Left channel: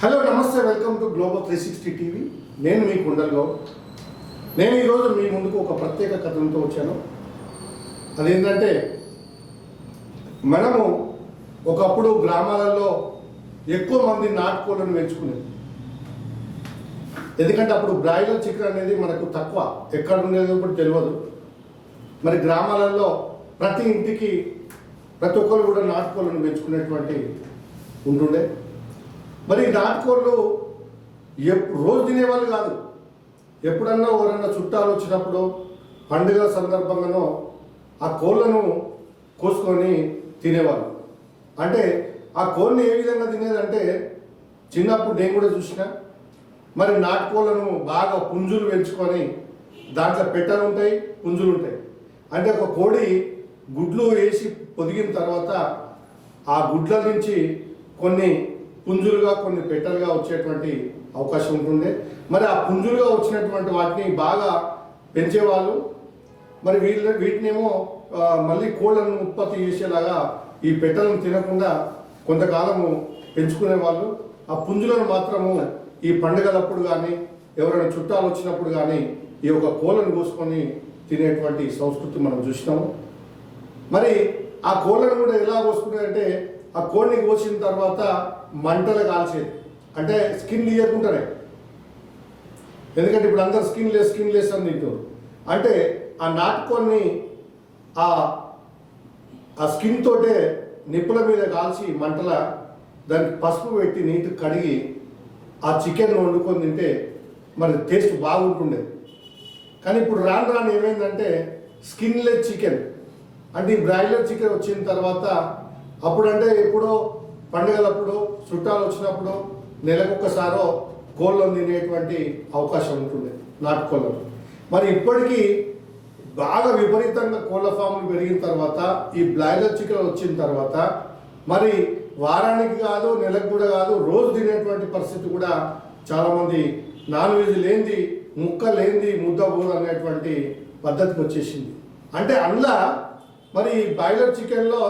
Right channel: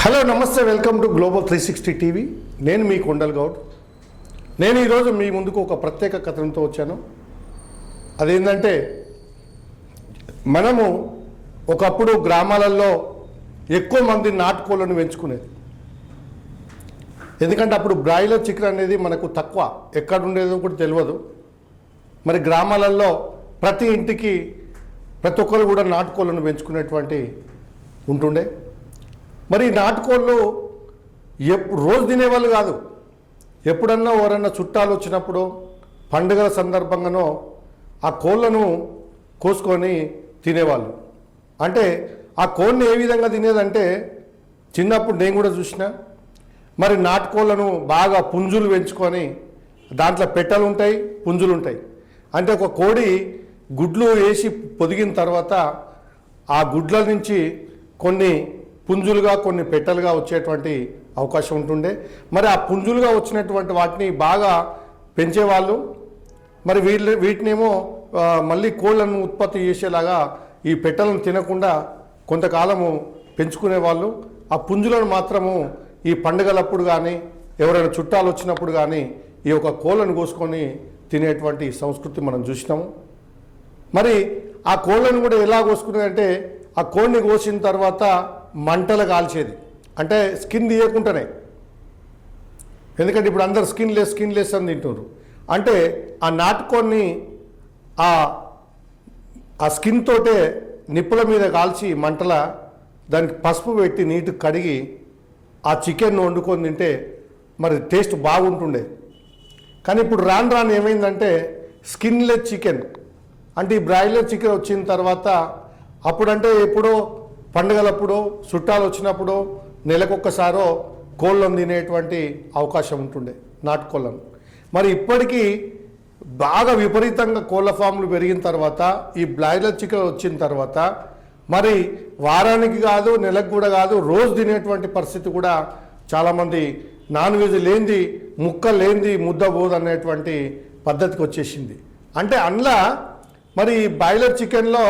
Hello నమస్తే welcome to global three sixty TV నేను మీ కుండల్ గౌడ్. నేను ఈరోజు మీ ముందుకు ఒక ప్రత్యేక కథనంతో వచ్చాను. అదేంటంటే మనము ఒకప్పుడు గ్రామాలలో ఎక్కువ మంది నాటుకోళ్ళను పెంచుకునేది. ఎందుకంటే అప్పుడు బ్రాయిలర్ చికెన్ అనేది మనకు తక్కువ. ఎక్కడ ఉండేదో కూడా తెలియదు. మరి గ్రామాలలో ప్రతి ఇంటికి ప్రతి ఒక్కరు కూడా నాటుకోళ్ళను పెంచుకునేటువంటి ఉంటుండే. మరి నాటుకోళ్ళు ఎప్పుడు రోజు తినేవాళ్ళు కాదు. ఎప్పుడన్నా ఎవరన్నా చుట్టాలు వచ్చినప్పుడు పండుగ సందర్భంగానో ఆ కోళ్ళను కోసుకొని తినేవాళ్ళు. అంటే ఆ కోళ్ళని ఏ విధంగా తినేదంటే చిన్నప్పుడు నేను కూడా చూసిన మరి నాటుకోళ్ళను బాగా పుంజులు పెంచుకొని దాంట్లో పెట్టలు ఉంటాయి పుంజులు ఉంటాయి. అంటే ఒక కోడి గుడ్లు వేసి పొదిగిన తర్వాత ఆ గుడ్ల నుంచి కొన్ని పుంజులుగా కొన్ని పెట్టలుగా వచ్చేటువంటి అవకాశం ఉంటుండే. మరి ఆ పుంజులుగా వచ్చినటువంటి వాటిని బాగా పెంచేవాళ్ళు. మరి వీళ్ళు వీటినేమో మళ్ళీ కోళ్ళను ఉత్పత్తి చేసేలాగా ఈ పెట్టలను తినకుండా కొంతకాలము పెంచుకునే వాళ్ళు ఆ పుంజులను మాత్రము ఈ పండుగలప్పుడు కానీ ఎవరైనా చుట్టాలు వచ్చినప్పుడు కానీ ఈ యొక్క కోళ్ళను కోసుకొని తినేటువంటి సంస్కృతి మనం చూసినాము. మరి ఆ కోళ్ళను కూడా ఎలా కోసుకునేదంటే ఆ కోడిని కోసిన తర్వాత మంటలు కాల్చేది. అంటే స్కిన్ తీయకుండానే. ఎందుకంటే ఇప్పుడు అందరు స్కిన్ లెస్ స్కిన్ లెస్ అని తింటున్నారు. అంటే ఆ నాటుకోడిని ఆ ఆ స్కిన్ తోటే నిప్పుల మీద కాల్చి మంటల దానికి పసుపు పెట్టి నీటి కడిగి ఆ చికెన్ వండుకొని తింటే మరి టేస్ట్ బాగుంటుండే. కానీ ఇప్పుడు రాను రాను ఏమైందంటే స్కిన్లెస్ చికెన్. అంటే ఈ బ్రాయిలర్ చికెన్ వచ్చిన తర్వాత అప్పుడంటే ఎప్పుడో పండుగలప్పుడు చుట్టాలు వచ్చినప్పుడు నెలకొకసారో కోళ్ళను తినేటువంటి అవకాశం ఉంటుండే నాటుకోళ్ళను మరి ఇప్పటికీ బాగా విపరీతంగా కోళ్ళ ఫామ్లు పెరిగిన తర్వాత ఈ బ్లాయిలర్ చికెన్ వచ్చిన తర్వాత మరి వారానికి కాదు నెలకు కూడా కాదు రోజు తినేటువంటి పరిస్థితి కూడా చాలామంది నాన్ వెజ్ లేనిది ముక్క లేనిది ముద్ద పోదు అనేటువంటి పద్ధతికి వచ్చేసింది అంటే అందులో మరి బాయిలర్ చికెన్లో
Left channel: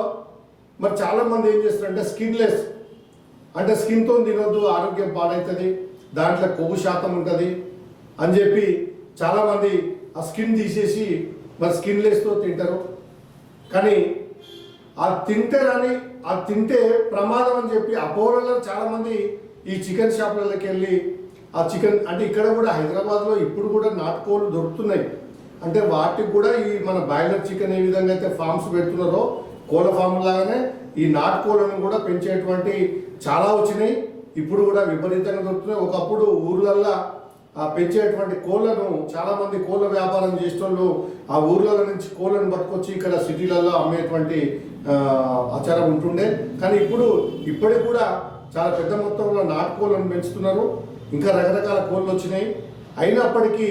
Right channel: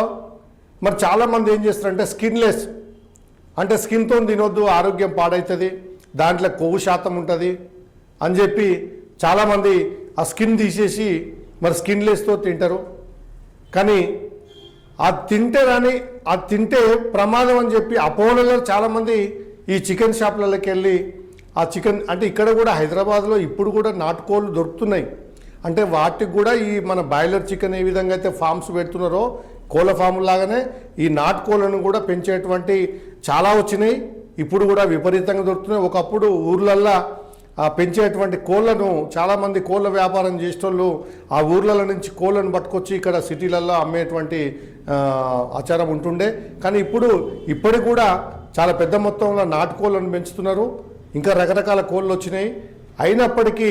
మరి చాలామంది ఏం చేస్తారంటే స్కిన్లెస్. అంటే స్కిన్తో తినొద్దు ఆరోగ్యం పాడవుతుంది దాంట్లో కొవ్వు శాతం ఉంటుంది అని చెప్పి చాలామంది ఆ స్కిన్ తీసేసి మరి స్కిన్లెస్తో తింటారు. కానీ ఆ తింటే కానీ ఆ తింటే ప్రమాదం అని చెప్పి అపోహలలో చాలామంది ఈ చికెన్ షాప్లలోకి వెళ్ళి ఆ చికెన్ అంటే ఇక్కడ కూడా హైదరాబాద్లో ఇప్పుడు కూడా నాటుకోళ్ళు దొరుకుతున్నాయి. అంటే వాటికి కూడా ఈ మన బాయిలర్ చికెన్ ఏ విధంగా అయితే ఫామ్స్ పెడుతున్నారో కోళ్ళ ఫామ్ లాగానే ఈ నాటుకోళ్ళను కూడా పెంచేటువంటి చాలా వచ్చినాయి. ఇప్పుడు కూడా విపరీతంగా దొరుకుతున్నాయి. ఒకప్పుడు ఊర్లల్లో ఆ పెంచేటువంటి కోళ్ళను చాలా మంది కోళ్ళ వ్యాపారం చేసేటోళ్ళు ఆ ఊర్ల నుంచి కోళ్ళను పట్టుకొచ్చి ఇక్కడ సిటీలలో అమ్మేటువంటి ఆచారం ఉంటుండే. కానీ ఇప్పుడు ఇప్పటికి కూడా చాలా పెద్ద మొత్తంలో నాటుకోళ్ళను పెంచుతున్నారు. ఇంకా రకరకాల కోళ్ళు వచ్చినాయి. అయినప్పటికీ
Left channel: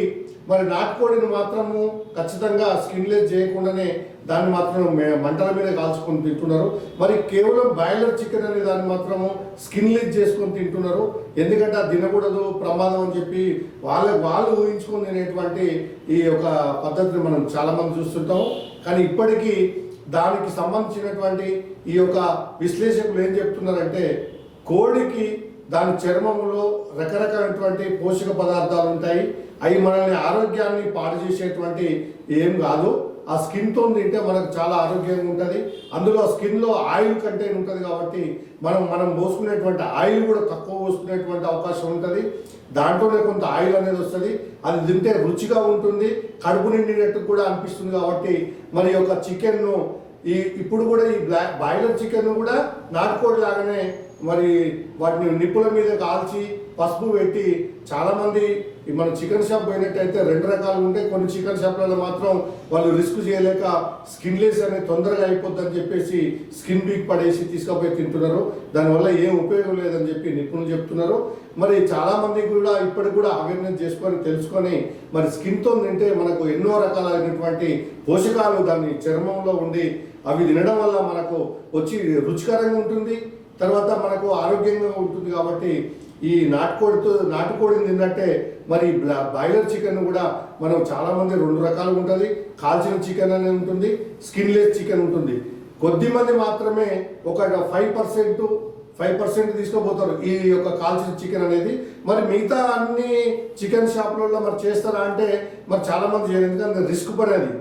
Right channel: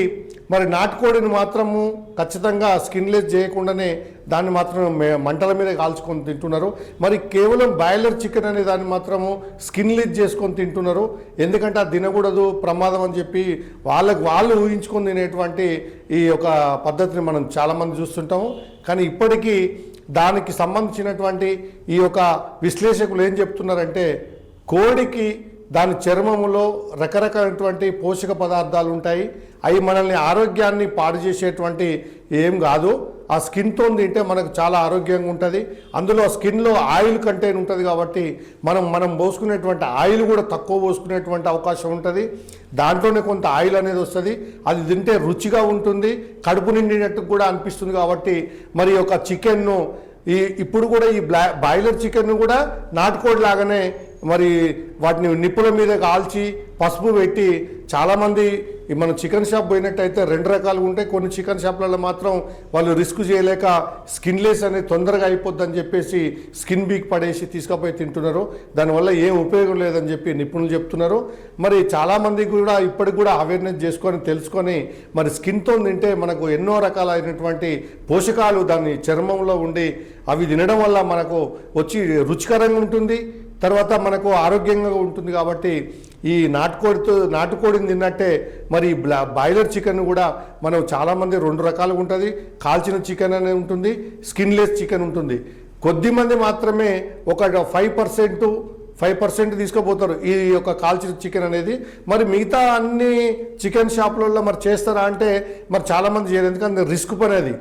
మరి నాటుకోడిని మాత్రము ఖచ్చితంగా స్కిన్లెస్ చేయకుండానే దాన్ని మాత్రం మే- మంటల మీద కాల్చుకొని తింటున్నారు. మరి కేవలం బాయిలర్ చికెన్ అనే దాన్ని మాత్రము స్కిన్లెస్ చేసుకొని తింటున్నారు. ఎందుకంటే అది తినకూడదు ప్రమాదం అని చెప్పి వాళ్ళకు వాళ్ళు ఊహించుకొని తినేటువంటి ఈ యొక్క పద్ధతిని మనం చాలామంది చూస్తుంటాము కానీ ఇప్పటికీ దానికి సంబంధించినటువంటి ఈ యొక్క విశ్లేషకులు ఏం చెప్తున్నారంటే కోడికి దాని చర్మంలో రకరకాలైనటువంటి పోషక పదార్థాలు ఉంటాయి. అవి మనల్ని ఆరోగ్యాన్ని పాడు చేసేటువంటి ఏం కాదు. ఆ స్కిన్తో తింటే మనకు చాలా ఆరోగ్యంగా ఉంటుంది. అందులో స్కిన్లో ఆయిల్ కంటైన్ ఉంటుంది కాబట్టి మనం మనం పోసుకునేటువంటి ఆయిల్ కూడా తక్కువ పోసుకునేటువంటి అవకాశం ఉంటుంది. దాంట్లోనే కొంత ఆయిల్ అనేది వస్తుంది. అది తింటే రుచిగా ఉంటుంది. కడుపు నిండినట్టు కూడా అనిపిస్తుంది కాబట్టి మరి ఒక చికెన్ను ఈ ఇప్పుడు కూడా ఈ బ్లా బాయిలర్ చికెన్ను కూడా నాటుకోడి లాగానే మరి వాటిని నిప్పుల మీద కాల్చి పసుపు పెట్టి చాలామంది మన మనం చికెన్ షాప్ పోయినట్టయితే రెండు రకాలు ఉంటాయి. కొన్ని చికెన్ షాప్లలో మాత్రం వాళ్ళు రిస్క్ చేయలేక స్కిన్లెస్ అనేది తొందరగా అయిపోద్దని చెప్పేసి స్కిన్ వీక్ పడేసి తీసుకుపోయి తింటున్నారు. దానివల్ల ఏం ఉపయోగం లేదని చెప్పి నిపుణులు చెప్తున్నారు. మరి చాలామంది కూడా ఇప్పటికి కూడా అవేర్నెస్ చేసుకొని తెలుసుకొని మరి స్కిన్తో తింటే మనకు ఎన్నో రకాలైనటువంటి పోషకాలు దాని చర్మంలో ఉండి అవి తినడం వల్ల మనకు వచ్చి రుచికరంగా ఉంటుంది. తర్వాత మనకు ఆరోగ్యంగా ఉంటుంది కాబట్టి ఈ నాటుకోడితో నాటుకోడిని తిన్నట్టే మరి బ్లా- బాయిలర్ చికెన్ కూడా మనం చాలామంది రెండు రకాలుగా ఉంటుంది. కాల్చిన చికెన్ అనేది ఉంటుంది స్కిన్లెస్ చికెన్ ఉంటుంది. కొద్ది మంది మాత్రమే ఒక ఫైవ్ పర్సెంట్ ఫైవ్ పర్సెంట్ తీసుకోపోతారు ఈ యొక్క కాల్చిన చికెన్ అనేది. మరి మిగతా అన్ని చికెన్ షాపులలో మరి చేస్తారా అంటే మరి చాలామంది చేయరు. ఎందుకంటే రిస్క్ పని అది.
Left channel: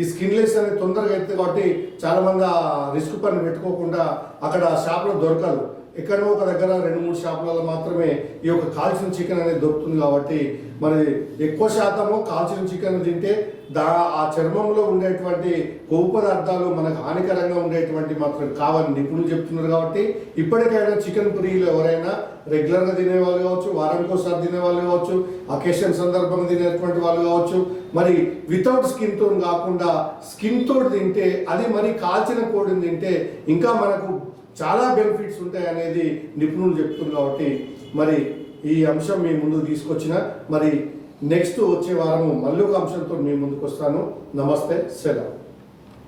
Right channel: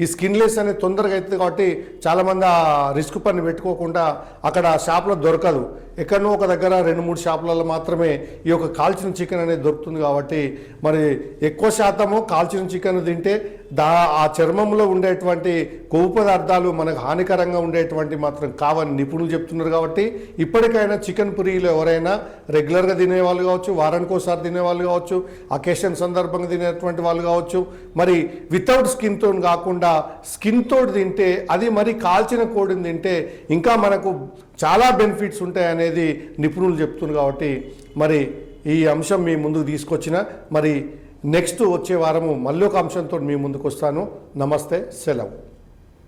ఈ స్కిన్లెస్ అనేది తొందరగా అవుతుంది కాబట్టి చాలా మంది ఆ రిస్క్ పని పెట్టుకోకుండా అక్కడ షాప్లో దొరకదు. ఎక్కడనో ఒక దగ్గర రెండు మూడు షాపులలో మాత్రమే ఈ యొక్క కాల్చిన చికెన్ అనేది దొరుకుతుంది కాబట్టి మరి ఎక్కువ శాతము కాల్చిన చికెన్ తింటే దా ఆ చర్మంలో ఉండేటువంటి కొవ్వు పదార్థాలు మనకు హానికరంగా ఉండేటువంటి మాత్రం కావని నిపుణులు చెప్తున్నారు కాబట్టి ఇప్పటికైనా చికెన్ పురీలు ఎవరైనా రెగ్యులర్గా తినే వాళ్ళు కావచ్చు వారానికి ఒకసారి తినేవాళ్ళు కావచ్చు అకేషన్ సందర్భంగా తినేటువంటి వాళ్ళు కావచ్చు మరి వితౌట్ స్కిన్ తోని కాకుండా స్కిన్ తోటి తింటే అది మరి కాల్చిన కోడిని తింటే ఇంకా మనకు చాలా బెనిఫిట్స్ ఉంటాయి అనేది నిపుణులు చెప్తున్నారు కాబట్టి మరి ఈ అంశం మీ ముందు తీసుకొచ్చిన మరి నెక్స్ట్ వచ్చే వారము మళ్ళీ ఒక అంశంతో మీ ముందుకు వస్తాను నమస్తే సెలవు.